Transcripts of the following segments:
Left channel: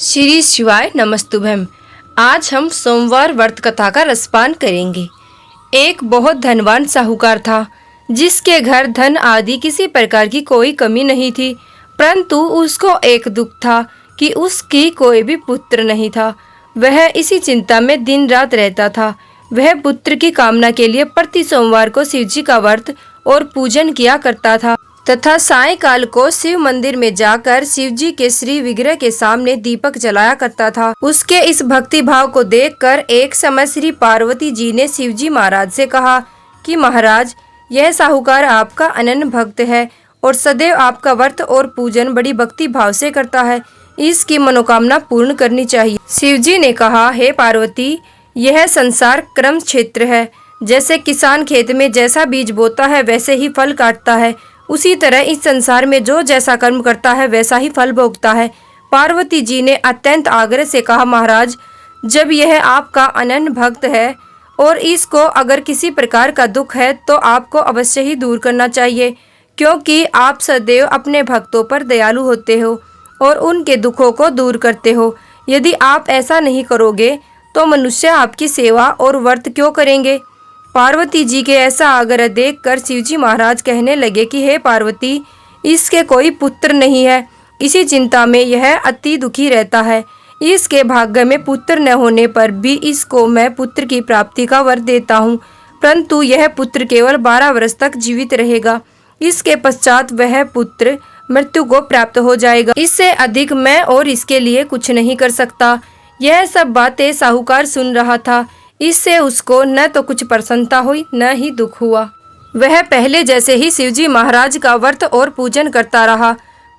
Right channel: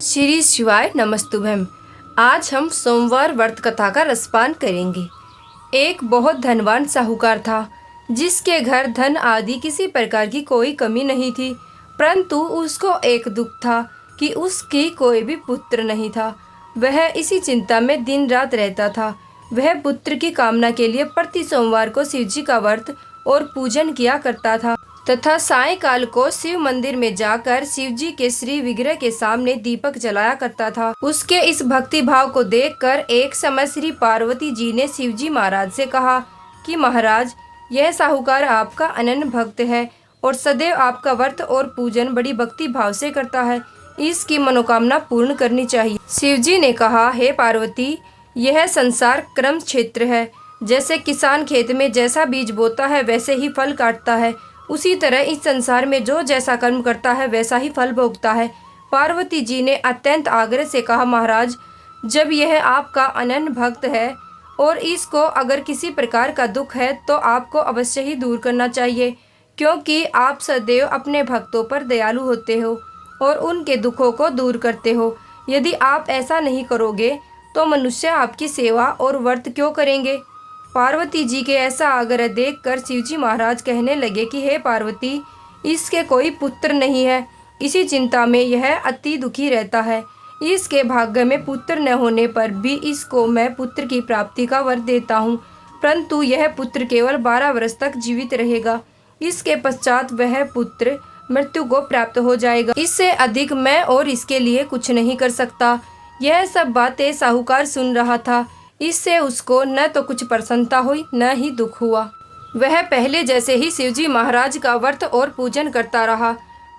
श्री शिवाय नमस्तुभ्यम। आज हम सोमवार व्रत कथा का रसपान करेंगे। एक बहुत धनवान साहूकार था जिसके घर धन आदि किसी प्रकार की कोई कमी नहीं थी, परंतु उसको एक दुख था कि उसकी कोई भी पुत्र नहीं था। वह इसी चिंता में दिन रात रहता था। वह पुत्र की कामना के लिए प्रति सोमवार को शिव जी का व्रत और पूजन किया करता था तथा सायंकाल को शिव मंदिर में जाकर शिव जी के श्री विग्रह के सामने दीपक जलाया करता था। उसके इस भक्ति भाव को देखकर एक समय श्री पार्वती जी ने शिव जी महाराज से कहा कि महाराज, यह साहूकार आपका अनन्य भक्त है और सदैव आपका व्रत और पूजन बड़ी भक्ति भाव से करता है। इसकी मनोकामना पूर्ण करनी चाहिए। शिव जी ने कहा, हे पार्वती, यह संसार क्रम क्षेत्र है। जैसे किसान खेत में जैसा बीज बोता है वैसे ही फल काटता है, उसी तरह इस संसार में जो जैसा कर्म करता है वैसा ही फल भोगता है। पार्वती जी ने अत्यंत आग्रह से कहा, महाराज, जब यह आपका अनन्य भक्त है और इसको अगर किसी प्रकार का दुख है तो आपको अवश्य ही दूर करना चाहिए, क्योंकि आप सदैव अपने भक्तों पर दयालु होते हो और उनके दुखों को दूर करते हो। यदि आप ऐसा नहीं करोगे तो मनुष्य आपकी सेवा और व्रत क्यों करेंगे। पार्वती जी के ऐसा आग्रह देखकर शिवजी महाराज कहने लगे कि हे पार्वती, इसके कोई पुत्र नहीं है। इसी चिंता में यह अति दुखी रहता है। इसके भाग्य में पुत्र न होने पर भी इसको मैं पुत्र की प्राप्ति का वर देता हूँ, परंतु यह पुत्र केवल 12 वर्ष तक जीवित रहेगा। इसके पश्चात वह पुत्र मृत्यु को प्राप्त हो जाएगा। इससे अधिक मैं और इसके लिए कुछ नहीं कर सकता। यह सब बातें साहूकार सुन रहा था। इससे उसको न तो कुछ प्रसन्नता हुई न ही दुख हुआ। वह पहले जैसे ही शिवजी महाराज का व्रत और पूजन करता रहा।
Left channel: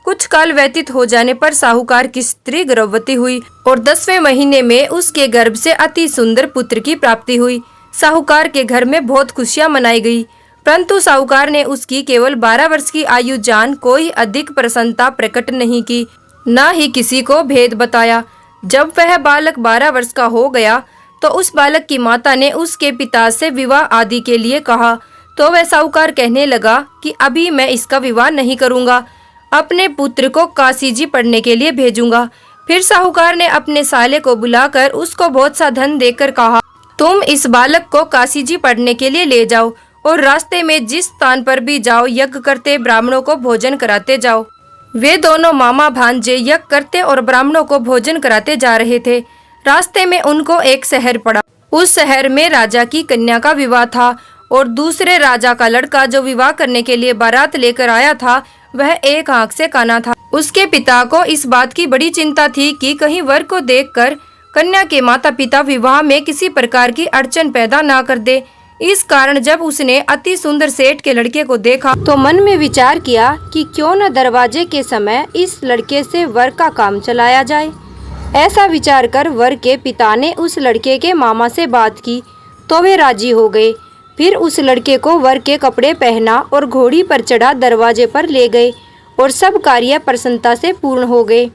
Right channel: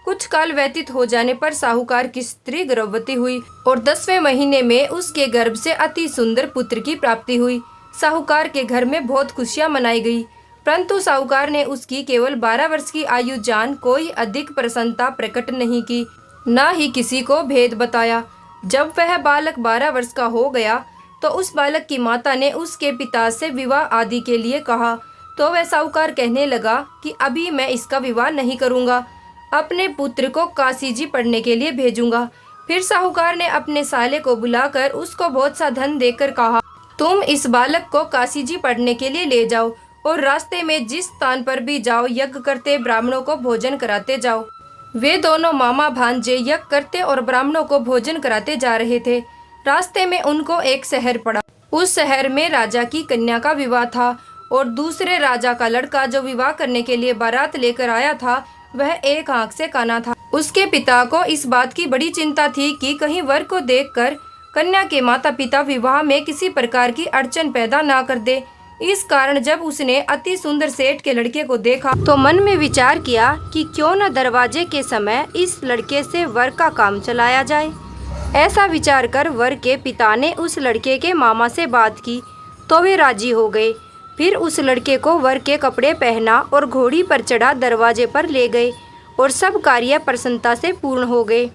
कुछ काल व्यतीत हो जाने पर साहूकार की स्त्री गर्भवती हुई और 10वें महीने में उसके गर्भ से अति सुंदर पुत्र की प्राप्ति हुई। साहूकार के घर में बहुत खुशियां मनाई गई, परंतु साहूकार ने उसकी केवल 12 वर्ष की आयु जान कोई अधिक प्रसन्नता प्रकट नहीं की, न ही किसी को भेद बताया। जब वह बालक 12 वर्ष का हो गया तो उस बालक की माता ने उसके पिता से विवाह आदि के लिए कहा, तो वह साहूकार कहने लगा कि अभी मैं इसका विवाह नहीं करूंगा, अपने पुत्र को काशी जी पढ़ने के लिए भेजूंगा। फिर साहूकार ने अपने साले को बुलाकर उसको बहुत सा धन देकर कहा, तुम इस बालक को काशी जी पढ़ने के लिए ले जाओ और रास्ते में जिस स्थान पर भी जाओ यज्ञ करते ब्राह्मणों को भोजन कराते जाओ। वे दोनों मामा भांजे यज्ञ करते और ब्राह्मणों को भोजन कराते जा रहे थे। रास्ते में उनको एक शहर पड़ा। उस शहर में राजा की कन्या का विवाह था और दूसरे राजा का लड़का जो विवाह करने के लिए बारात लेकर आया था वह एक आंख से काना था। उसके पिता को इस बात की बड़ी चिंता थी कि कहीं वर को देखकर कन्या के माता पिता विवाह में किसी प्रकार की अड़चन पैदा ना कर दे। इस कारण जब उसने अति सुंदर सेठ के लड़के को देखा तो मन में विचार किया कि क्यों न दरवाजे के समय इस लड़के से वर का काम चलाया जाए। ऐसा विचार कर वर के पिता ने उस लड़के के मामा से बात की तो वे राजी हो गए। फिर उस लड़के को वर के कपड़े पहना और घोड़ी पर चढ़ा दरवाजे पर ले गए और सब कार्य प्रसन्नता से पूर्ण हो गए।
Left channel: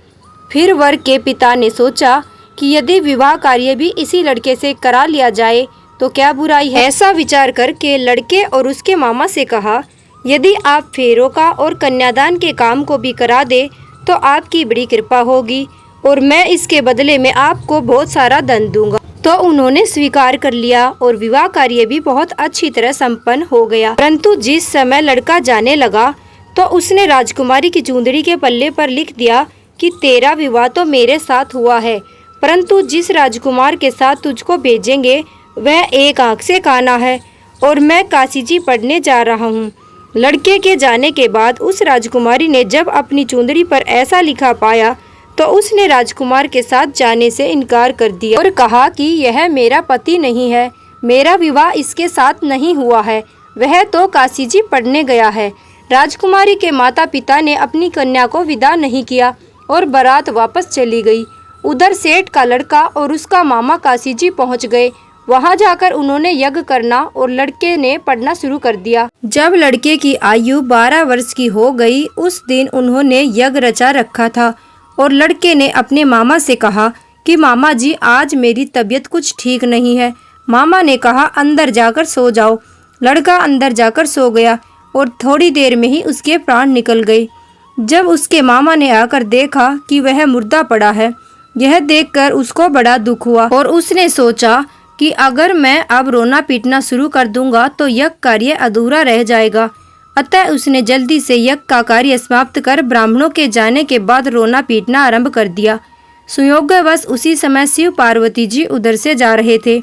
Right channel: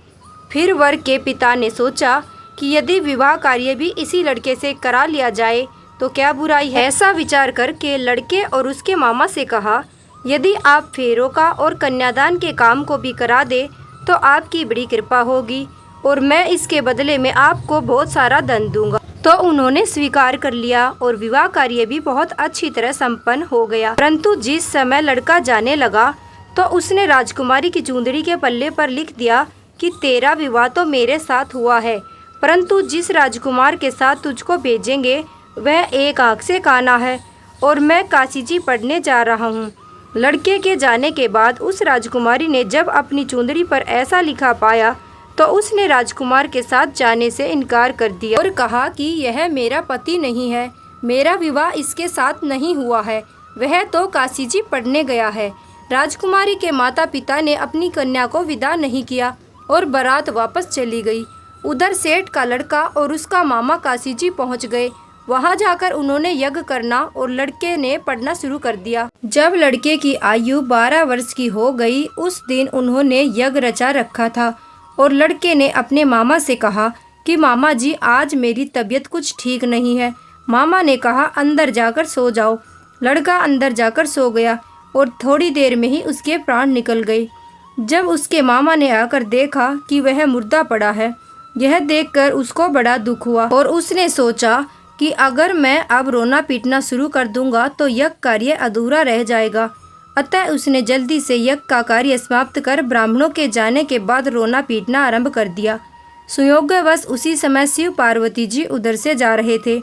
फिर वर के पिता ने सोचा कि यदि विवाह कार्य भी इसी लड़के से करा लिया जाए तो क्या बुराई है। ऐसा विचार करके लड़के और उसके मामा से कहा, यदि आप फेरों का और कन्यादान के काम को भी करा दे तो आपकी बड़ी कृपा होगी और मैं इसके बदले में आपको बहुत सारा धन दूंगा। तो उन्होंने स्वीकार कर लिया और विवाह कार्य भी बहुत अच्छी तरह संपन्न हो गया। परंतु जिस समय लड़का जाने लगा तो उसने राजकुमारी की चूंदड़ी के पल्ले पर लिख दिया कि तेरा विवाह तो मेरे साथ हुआ है, परंतु जिस राजकुमार के साथ तुझको भेजेंगे वह एक आंख से काना है और मैं काशी जी पढ़ने जा रहा हूँ। लड़के के जाने के बाद उस राजकुमारी ने जब अपनी चूंदड़ी पर ऐसा लिखा पाया तो उसने राजकुमार के साथ जाने से इनकार कर दिया और कहा कि यह मेरा पति नहीं है, मेरा विवाह इसके साथ नहीं हुआ है, वह तो काशी जी पढ़ने गया है। राजकुमारी के माता पिता ने अपनी कन्या को विदा नहीं किया और बारात वापस चली गई। उधर सेठ का लड़का और उसका मामा काशी जी पहुँच गए। वहाँ जाकर उन्होंने यज्ञ करना और लड़के ने पढ़ना शुरू कर दिया। जब लड़के की आयु 12 वर्ष की हो गई उस दिन उन्होंने यज्ञ रचा रखा था और लड़के ने अपने मामा से कहा कि मामा जी, आज मेरी तबीयत कुछ ठीक नहीं है। मामा ने कहा, अंदर जाकर सो जाओ। लड़का अंदर जाकर सो गया और थोड़ी देर में ही उसके प्राण निकल गए। जब उसके मामा ने आकर देखा कि वह मुर्दा पड़ा है यह देखकर उसको बड़ा दुख हुआ और उसने सोचा कि अगर मैं अब रोना पीटना शुरू कर दूंगा तो यज्ञ कार्य अधूरा रह जाएगा। अतः उसने जल्दी से यज्ञ का कार्य समाप्त कर ब्राह्मणों के जाने के बाद रोना पीटना आरंभ कर दिया। संयोगवश उसी समय शिव पार्वती जी उधर से जा रहे थे।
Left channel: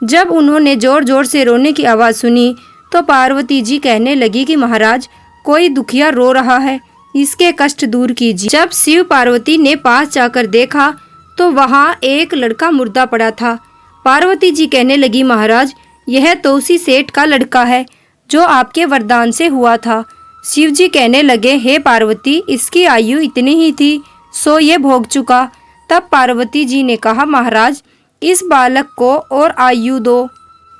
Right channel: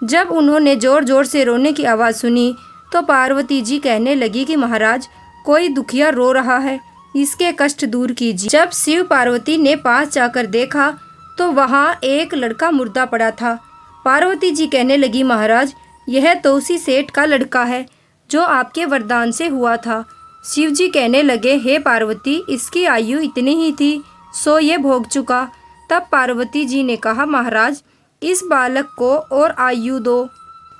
जब उन्होंने जोर जोर से रोने की आवाज़ सुनी तो पार्वती जी कहने लगी कि महाराज, कोई दुखिया रो रहा है, इसके कष्ट दूर कीजिए। जब शिव पार्वती ने पास जाकर देखा तो वहाँ एक लड़का मुर्दा पड़ा था। पार्वती जी कहने लगी, महाराज, यह तो उसी सेठ का लड़का है जो आपके वरदान से हुआ था। शिव जी कहने लगे, हे पार्वती, इसकी आयु इतनी ही थी, सो ये भोग चुका। तब पार्वती जी ने कहा, महाराज, इस बालक को और आयु दो,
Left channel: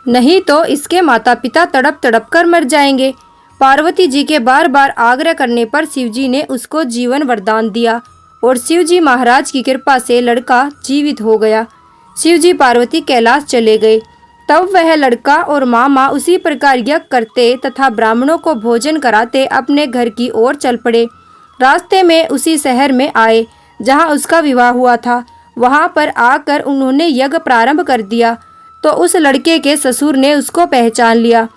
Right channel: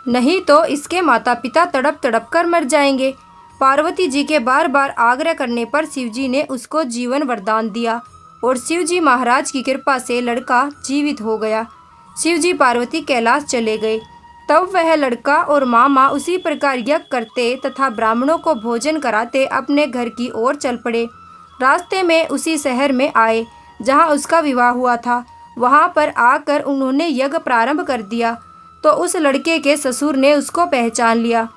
नहीं तो इसके माता पिता तड़प तड़प कर मर जाएंगे। पार्वती जी के बार बार आग्रह करने पर शिव जी ने उसको जीवन वरदान दिया और शिव जी महाराज की कृपा से लड़का जीवित हो गया। शिव जी पार्वती कैलाश चले गए। तब वह लड़का और मामा उसी प्रकार यज्ञ करते तथा ब्राह्मणों को भोजन कराते अपने घर की ओर चल पड़े। रास्ते में उसी शहर में आए जहाँ उसका विवाह हुआ था। वहाँ पर आकर उन्होंने यज्ञ प्रारंभ कर दिया तो उस लड़के के ससुर ने उसको पहचान लिया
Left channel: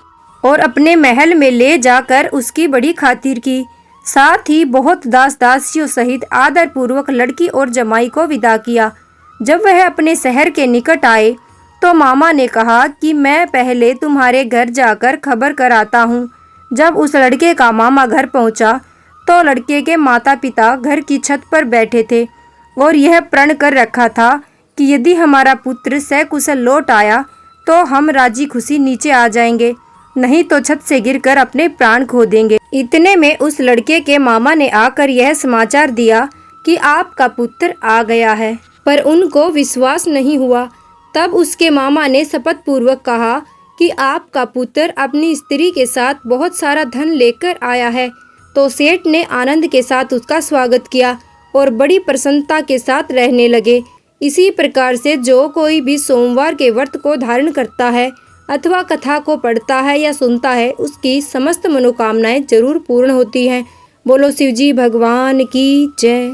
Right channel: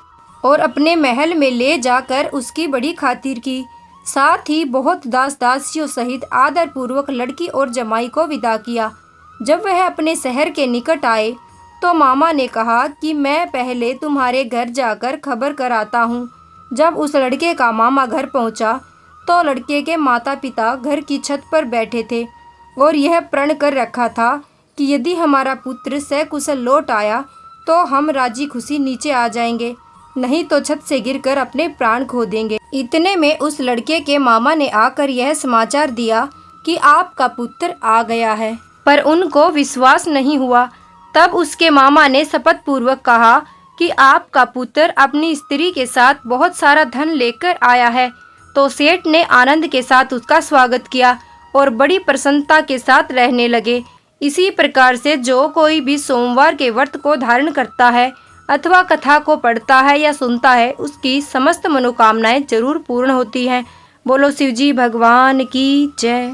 और अपने महल में ले जाकर उसकी बड़ी खातिर की। साथ ही बहुत दास दासियों सहित आदर पूर्वक लड़की और जमाई को विदा किया। जब वह अपने शहर के निकट आए तो मामा ने कहा कि मैं पहले तुम्हारे घर जाकर खबर कर आता हूँ। जब उस लड़के का मामा घर पहुँचा तो लड़के के माता पिता घर की छत पर बैठे थे और यह प्रण कर रखा था कि यदि हमारा पुत्र सकुशल लौट आया तो हम राजी खुशी नीचे आ जाएंगे, नहीं तो छत से गिरकर अपने प्राण खो देंगे। इतने में उस लड़के के मामा ने आकर यह समाचार दिया कि आपका पुत्र आ गया है, पर उनको विश्वास नहीं हुआ। तब उसके मामा ने शपथ पूर्वक कहा कि आपका पुत्र अपनी स्त्री के साथ बहुत सारा धन लेकर आया है। तो सेठ ने आनंद के साथ उसका स्वागत किया और बड़ी प्रसन्नता के साथ रहने लगे। इसी प्रकार से जो कोई भी सोमवार के व्रत को धारण करता है अथवा कथा को पढ़ता है या सुनता है, उसकी समस्त मनोकामनाएं जरूर पूर्ण होती हैं। बोलो शिवजी भगवान की जय।